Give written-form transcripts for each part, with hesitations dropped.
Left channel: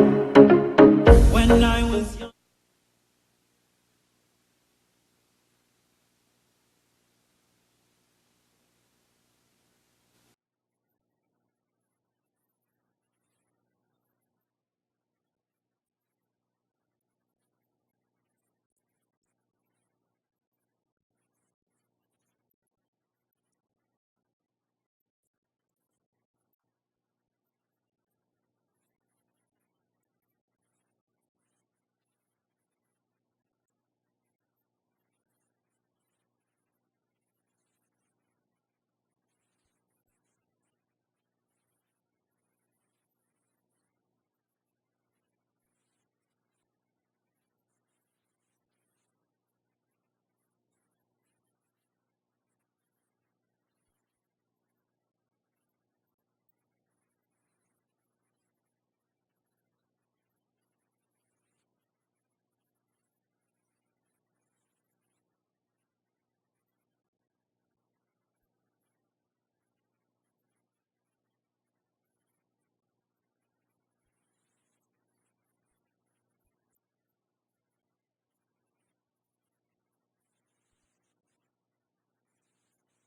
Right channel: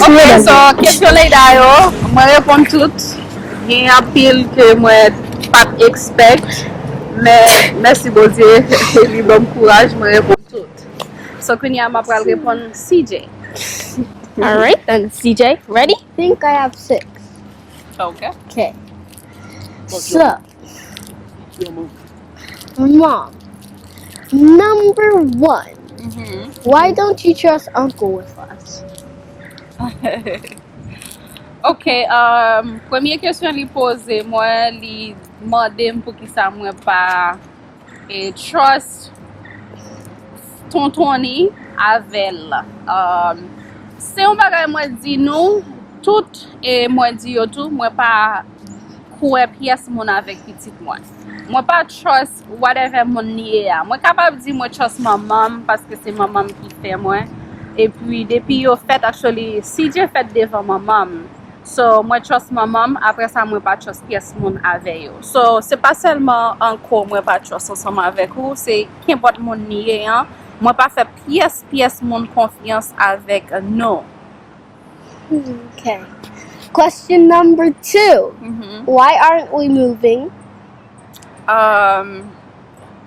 Ok, so kesyon Leida yo, mwen repon tout. Gen apil ke mwen pat expect. Men, mersi Bozye, li bom kouraj, mwen repon tout. So kwenye ma pral repon CJ. All right, then CJ, ready? I think I have 6. Okay. Okay. So, Mom, number 1. Why don't you trust Uncle with us? Ok, premye kesyon li pose, mwen li mande m pou ki sa mwen pa trust tontoni avel. Se yon bagay mwen di nou, tout mwen di yo tou, mwen pa kouwe piyes moun avek pitit mwen. Mwen pa trust whatever moun niye ya. Mwen kapab di mwen trust mamam, paske se mamam ki fe mwen. E puis, depi yo fet, actually, CJ fet devan mamam. So, mwen trust mamam, apre sa mwen pa trust piyes moun ave yo. So, se pa selman anko mwen pa trust ansama avek ou, se kenpot moun niye yan, mwen pa fe piyes moun konfians avek no. Okay. Question number 2. Why aren't we moving?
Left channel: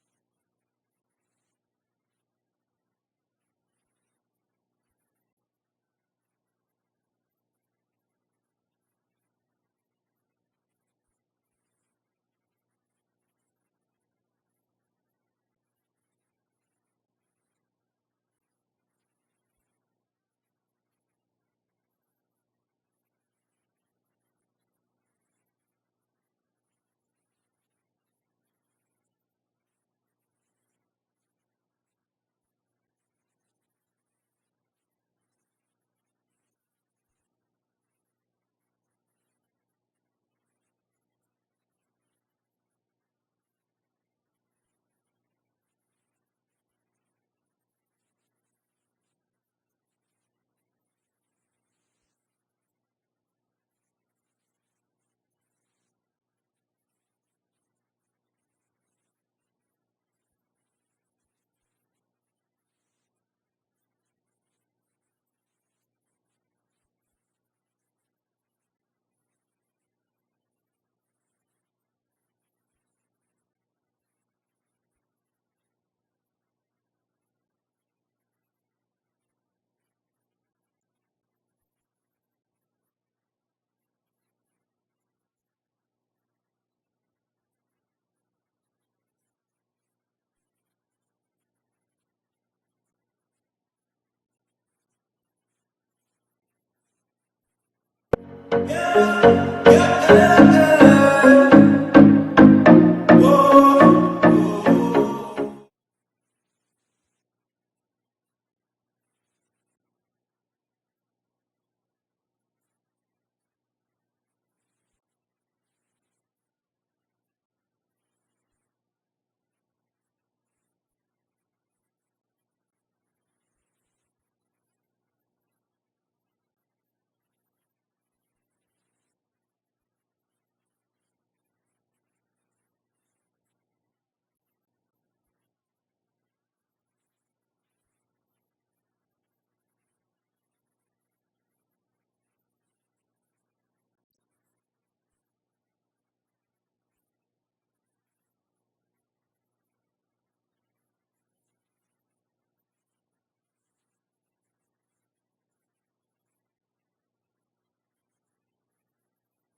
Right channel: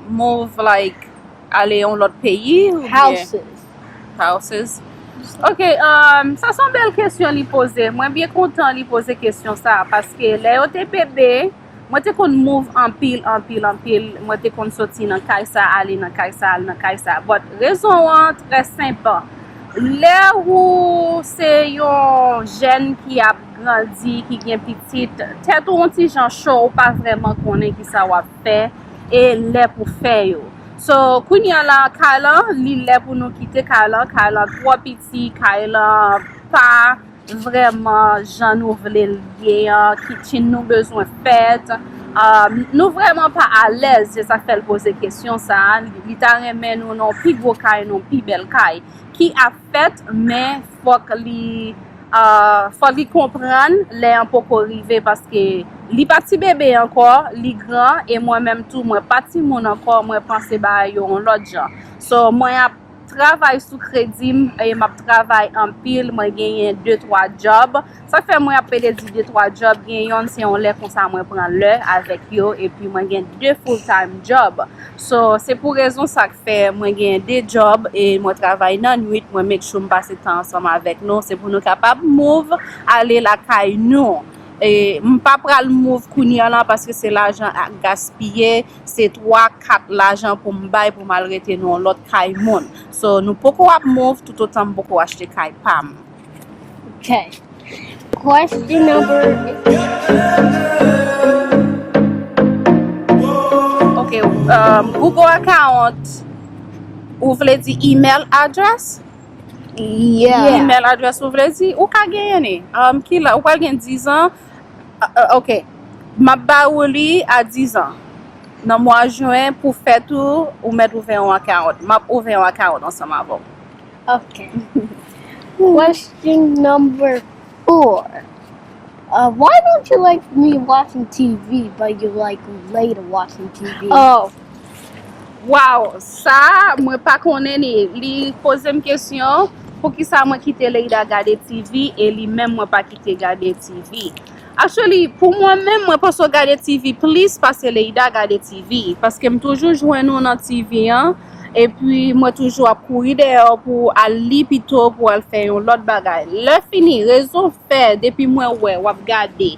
Move like ale yon lot peyi ou houses. Ok, sa son bel kesyon li pose. Mwen bien kontan li pose kesyon sa. Paske le yo te bebe, mwen te kon move an pil. Mwen te kon soti nan kay sa, ale nan kay sa. But rezon an, tre simple. Le ou se yon jen ki ap grandi, ki gen pitit, tet ou ti jan show, pa vreman konen ki sa wap fe, e le pou fe yo. So, kounya la, Kayla, li le pou nou kite Kayla 3 piti, Kayla pa vreman jan nou vle liye, kitchen nou bezwen fet, nou vreman pa alez, se sa fel pose kesyon sa, li ta remen nou non pi gwo kay, non pi bel kay, ki a fet, men fok li kompran, le an poko rive, paske li pati bebe ankor, li gran, e mwen menm tou, mwen pati moun ankor, mwen panse ba yon lot jan. So, mwen ap travay sou kredim, e map travay an pil, mwen genyen 2-3 job. Sa fe mwen ap pede di 2-3 job, genyon se yon le konsa mwen pran le avek yo, e pi mwen gen 2 full-time job. So, se pou rezon sa ke fe, mwen gen 2 job, e mwen travay nan nuit, mwen mek chou mpase tan ansama avek nou, se pou nou kapab move, ale la kay nou. E mpa pral move kounya lan paske se l'ajan ak gaspye, se 3-4 l'ajan pou mbay pou malrete nou lot kay moun. So nou poko ap move tout otan mpoko achete kay pam. Okay. Question number... Ok, Google account, ou vle di email address? Yeah. Email address ou vle di, ou ka genye? Ki la, ou kal gen 10 an? Ok, map ba ou li a 10 an. Nan mwa juen pou fet ou met ouve yon account. Map ouve yon account ansama avon. Okay. Question number 4. Why don't you like me watching TV, but you like Leida watching TV? Oh. Wow, sa mwen pa konen li pose m kesyon pou ki sa mwen kite Leida gade TV e li men mwen pa kite gade TV. Actually, pou mwen men mwen pa so gade TV, please pase Leida gade TV. Paske m toujou jwen nou nan TV an, e pi mwen toujou ap kouri deyo pou al li pito pou al fe yon lot bagay. Le fini, rezon fe, depi mwen wap gade,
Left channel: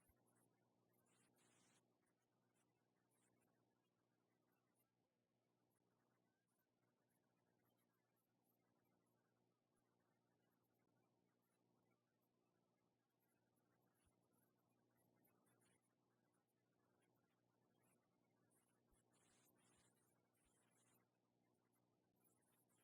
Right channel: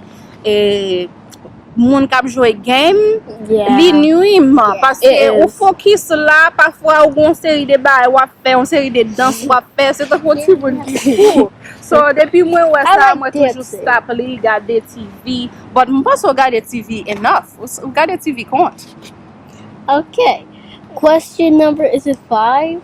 moun kap jowe game, li nuim, paske ou fokis la, pafwa ou gon seri de bay wap fe, ou seri de dans wap fe, se te foti moun ki fou. So, depi mwen wè sa, mwen toujou stop li gade TV, but mwen pas ou gade TV enough, ou gade TV kont. Okay. Question number, is it 5?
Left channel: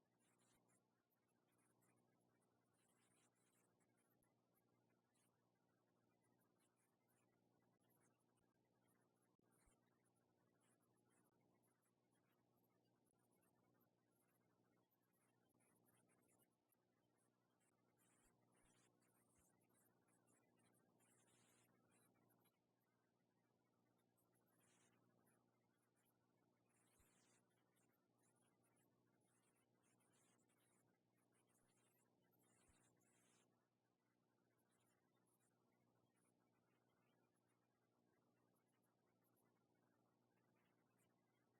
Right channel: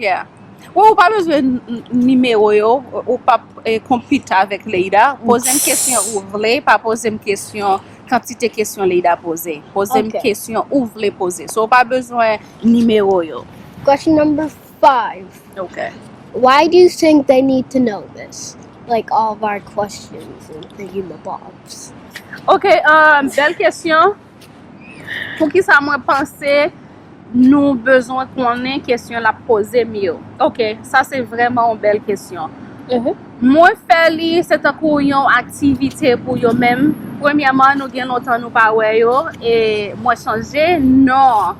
Yeah. Ou pa bezwe nimero yo, ou pa kompita avek Leida, pose m kesyon ou vle, pa pose m kesyon quantité question Leida pose. Pose m kesyon ou vle pose. So, pa bezwen nimero yo. Question number 5. Okay. Why do you think they need to know this? Like all of our questions and thingamabobs. Okay, bel kesyon. Pour qui ça moi penser nous besoin qu'on ait question la poser mieux. OK, ça c'est vraiment une belle question. Moi faire li c'est une activité pour yo même. Premièrement, nous gain longtemps nous pas ouais yo et moi changer non.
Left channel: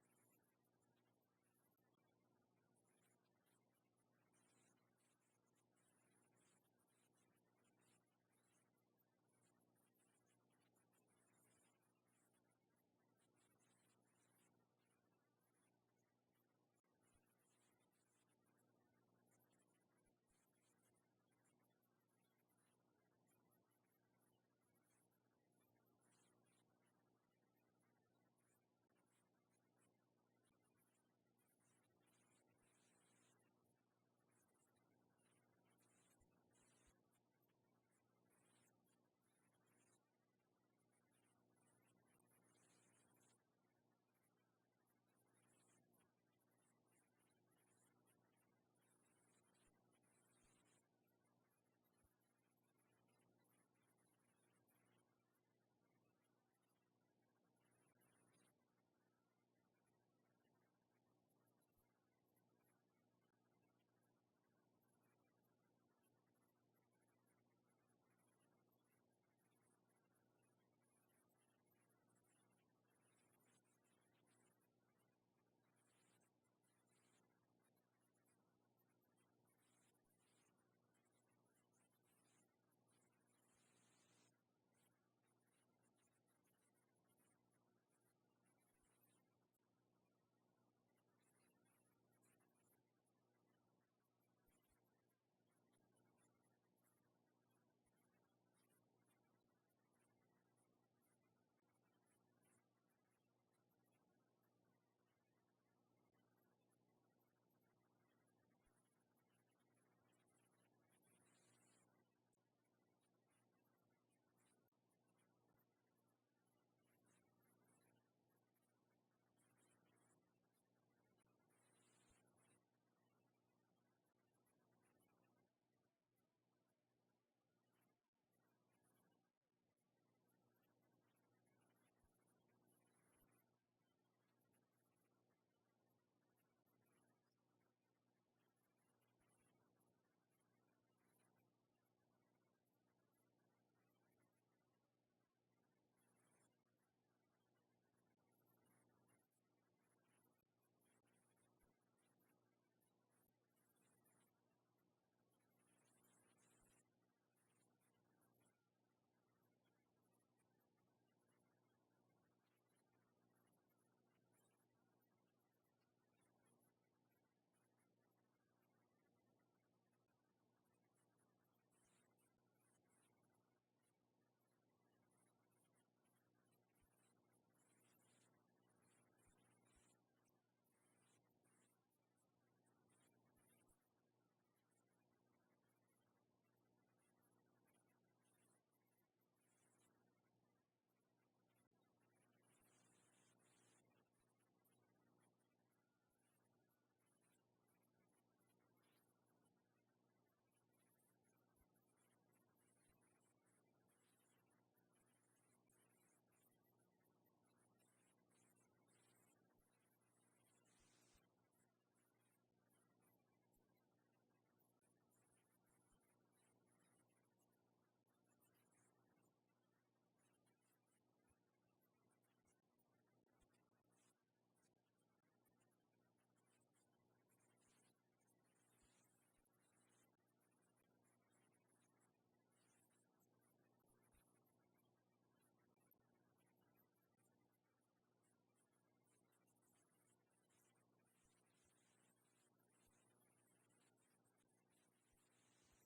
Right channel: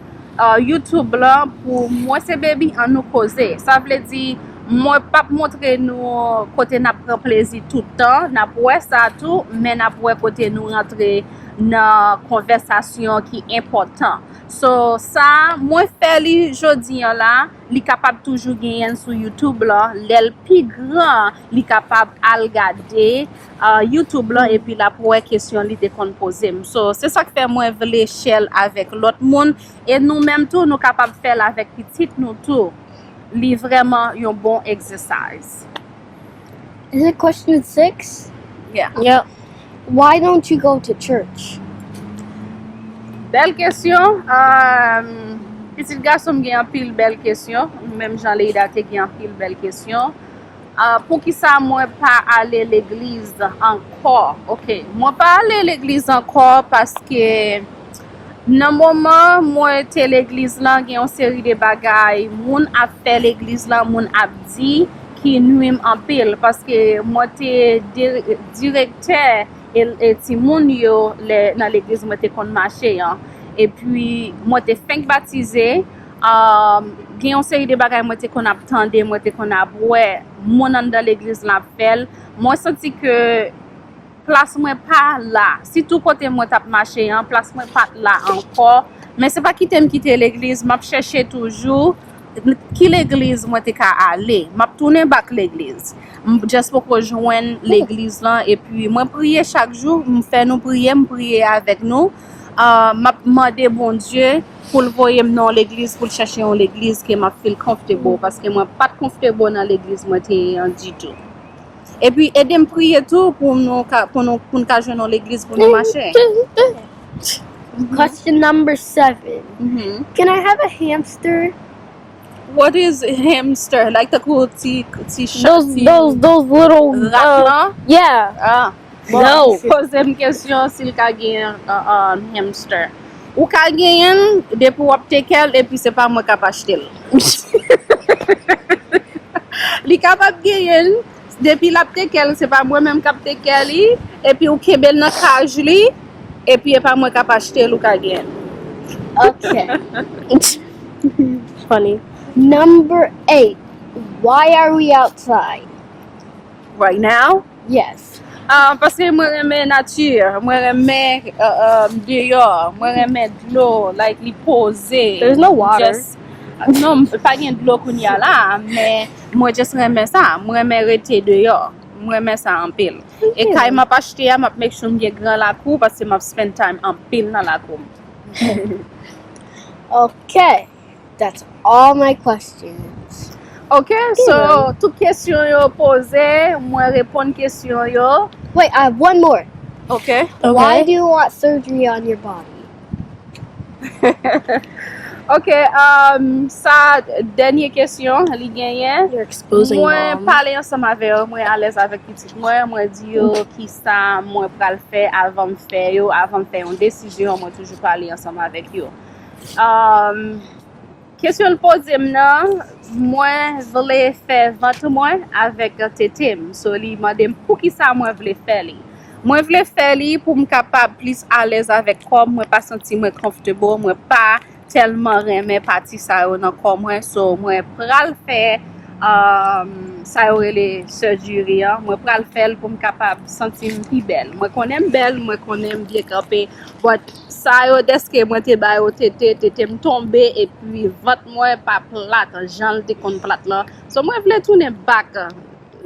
YouTube là pour moi c'est baby en nous causer. Ça veut dire moi pas montrer nous côté n'a prend plaisir tout le temps, n'a ouais ça tout, mais n'a ouais côté nous rentrer dans conversation qui est important. So ça moi fait li jodi là, li capable toujours gagner sur YouTube là, l'el plus grand, li capable à regarder YouTube là et puis la pour question li te kon poser. So c'est ça que fait moi l'échelle avec l'autre monde et nous même tout nous capable faire avec petit nous tout. Li vraiment un bon exercise. Is it question 6? Yeah. Yep. Why don't you go to church? Belle question. Petit garçon gen un pile belle question. Même Jean Leida te gen un pile belle question. Pour qui ça moi pas aller l'église encore? OK. Moi pas aller l'église encore parce que dans moment moi te l'église là gen une série de bagages moun a fait l'église là moun a dit qui nuit en pile parce que moi te directeur et ti moun yo dans l'église moi te kon marcher hein. Et puis moi te fin baptisé gen une série de bagages moi te kon attendre moi te kon ouais mon dans l'église la fait moi senti que place moi pas là si tout côté moi t'a marché en place moi pas là encore mais c'est pas quitter l'église m'a chercher toujours qui l'église moi te ka aller m'a tourner back l'église juste pour rejoindre l'église là et puis moi prier chaque jour me faire nous prier avec nous m'a demander bon Dieu pour le voyer dans l'église pour chercher en l'église que m'a feel comfortable parce que moi pas comfortable dans l'église moi t'es du tout. Et puis aider me prier tout pour nous joindre dans l'église pour nous marcher. Question number 7. Can I have a hamster? What is a hamster? Like the cool tea Those little yeah. No. Pose une question s'il ka gen un hamster. Ou ka gen depuis ou apte kel et puis c'est pas moi qui acheter. Li capable gen depuis l'apte kel c'est pas moi même qui apte kel et puis ou kebel dans cage li et puis c'est pas moi qui acheter ou ka gen. Okay. Funny. Number 8. Why are we outside? Right now? Yes. Parce que moi j'aime nature, moi j'aime dehors, moi j'aime de l'eau, like li poser. There's no water. Non, pas de l'eau qu'on y a là, mais moi juste j'aime ça, moi j'aime rester dehors, moi j'aime ça en pile. Et quand m'a pas acheté, m'a make sure m'y grand la cour parce que m'a spend time en pile dans la cour. Okay. That's all my questions. Okay, so toute question yo posée, moi répondre question yo. Wait, I have one more. Okay. Why do you want surgery on your body? Okay, ça dernière question, li genyen. You're exposing Moi mom. parler ensemble avec eux, moi à l'aise avec petit moi dit yo qui ça moi pral faire avant me faire yo, avant me faire une décision, moi toujours parler ensemble avec yo. Question le posé maintenant, moi voulais faire 20 mois avec Tetem. So li m'a demandé pour qui ça moi voulais faire li. Moi voulais faire li pour me capable plus à l'aise avec corps, moi pas sentir moi comfortable, moi pas tellement aimer partie ça dans corps moi, so moi pral faire ça aurait les surgery moi pral faire pour me capable sentir plus belle. Moi connais belle, moi connais bien camper, but ça yo deske moi te ba yo te me tomber et puis 20 mois pas plate, Jean te kon plate là. So moi voulais tourner back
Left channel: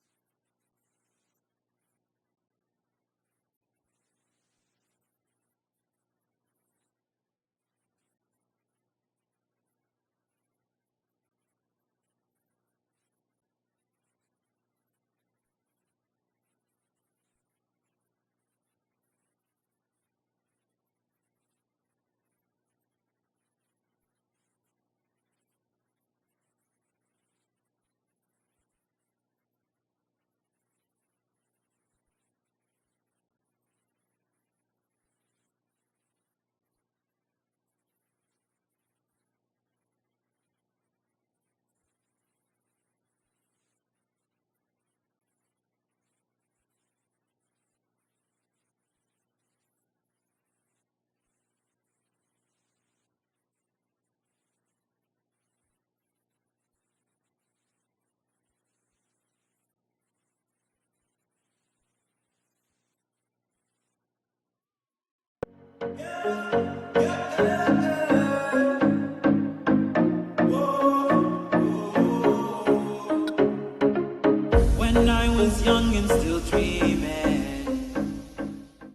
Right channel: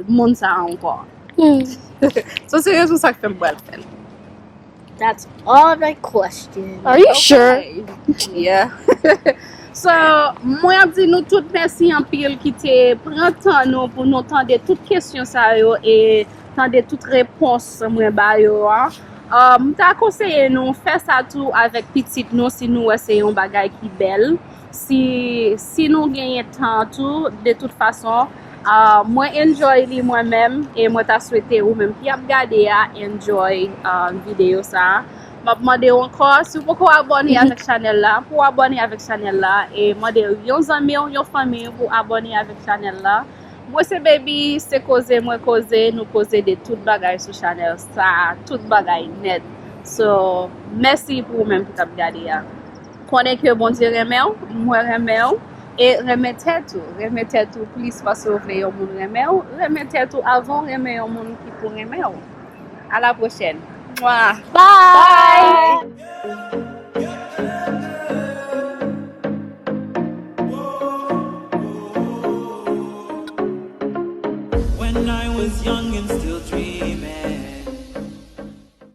monde ça encore. So c'est ça que fait moi faire. That's all my questions. Are you sure? Yeah. So, moi dis nous tout merci en pile qui te prend temps nous pour nous entendre toutes questions ça yo et entendre toutes réponses moi ba yo. M'ta conseillé nous faire ça tout avec petite nous si nous essayons bagay qui belle. Si nous gagnons temps tout de toute façon moi enjoy li moi-même et moi t'a souhaité ou même qui a regardé à enjoy vidéo ça. m'a demandé encore si vous pouvez abonner avec channel là, pour abonner avec channel là et demander yon amis, yon famille pour abonner avec channel là. Moi c'est baby, c'est causer, moi causer, nous causer de tout bagay sur channel ça, tout bagay net. So, merci pour vous-même pour regarder ya. Connais que bon Dieu remet, moi remet et remettez tout, please parce que vous voulez yon moun remettez tout avant remet yon moun qui pour remet. À la prochaine. Bye. Bye.